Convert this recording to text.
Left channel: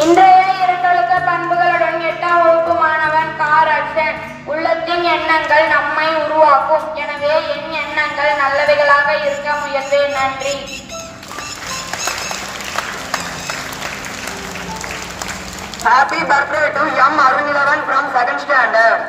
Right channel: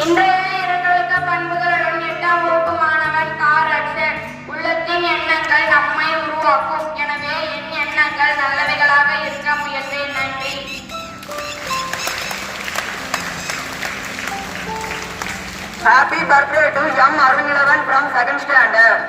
இன்றைய இரண்டொழுக்க பண்புகளுடன் 8ஆம் வகுப்பு மாணவன் காரட்சன். உள்ளத்தின் எண்ணங்கள் நம்மை உருவாக்கும். எனவே என் எண்ணங்கள் நல்லவைகளாக இருக்க முயல்வேன். நன்றி. Happy birthday to M. Arvinilavan from 2nd standard.